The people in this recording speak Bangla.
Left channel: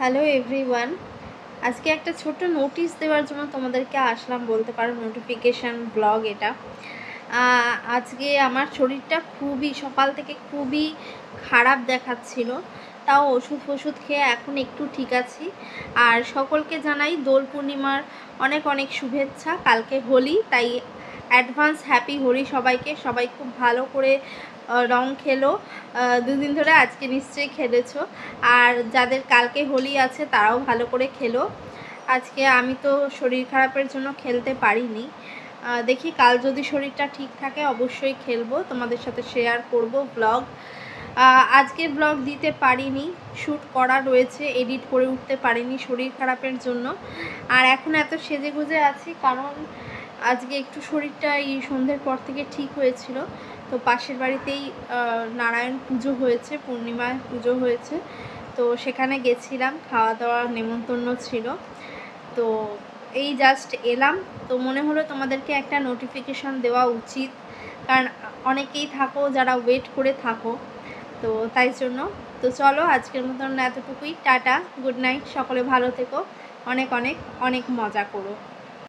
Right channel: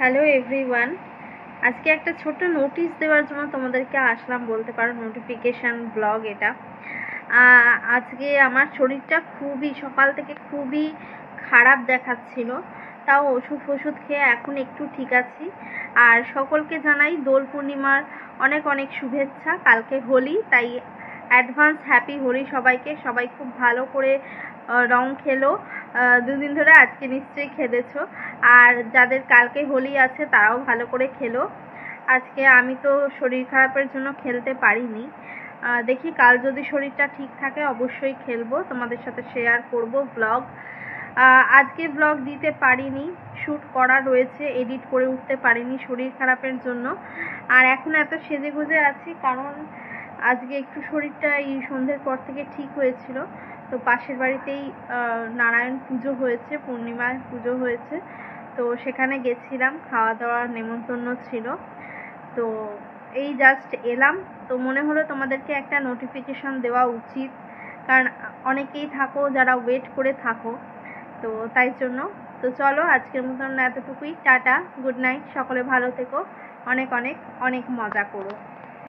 হ্যালো এভরিওয়ান, আজকে একটা ছোট্ট নোটিশ দেওয়ার জন্য তোমাদেরকে আসলাম বলতে পারো, নোটিফিকেশান ব্লগ এটা। আজকে আমার শরীরটা সকাল থেকে খুবই খারাপ দেখাচ্ছিল, তাও ওষুধ খেয়ে এখন একটু ঠিক আছি। আর সকলকে জানাই দোল পূর্ণিমার অনেক অনেক শুভেচ্ছা। কালকে হোলি, তাই অ্যাডভান্স হ্যাপি হোলি সবাইকে। সবাই খুব ভালো করে রং খেলো, দুদিন ধরে, আজকে নিশ্চয়ই খেলেছো। আর যাদের কালকে হোলি আছে তারাও ভালো করে খেলো। আজকে আমি তো শরীর খারাপের জন্য খেলতে পারিনি, দেখি কাল যদি শরীরটা ঠিক থাকে অবশ্যই খেলবো, তোমাদের সাথে শেয়ার করব ব্লগ। আজকে ব্লগ দিতে পারিনি, শ্যুট করা রয়েছে, এডিট করে উঠতে পারিনি শরীর খারাপের জন্য। আর এখন এত সেজেগুজে আছি কারণ আজকে একটু শরীরটা এই সন্ধ্যের পর থেকে ঠিক হয়েছিল। তো পাশের বাড়িতেই নারায়ণ পুজো হয়েছে, পূর্ণিমায় পুজো হয়েছে, তো সেখানে গেছিলাম, খাওয়া দাওয়ার নেমন্তন্ন ছিল। তো এই জাস্ট এলাম, তো মনে হলো তোমাদেরকে একটা নোটিফিকেশান দেওয়া উচিত, কারণ অনেকেই থাকো যারা ওয়েট করে থাকো, তো তাই জন্য। তো চলো আজকের মতন এতটুকুই, টাটা, গুড নাইট, সকলে ভালো থেকো, অনেক অনেক অনেক মজা করো।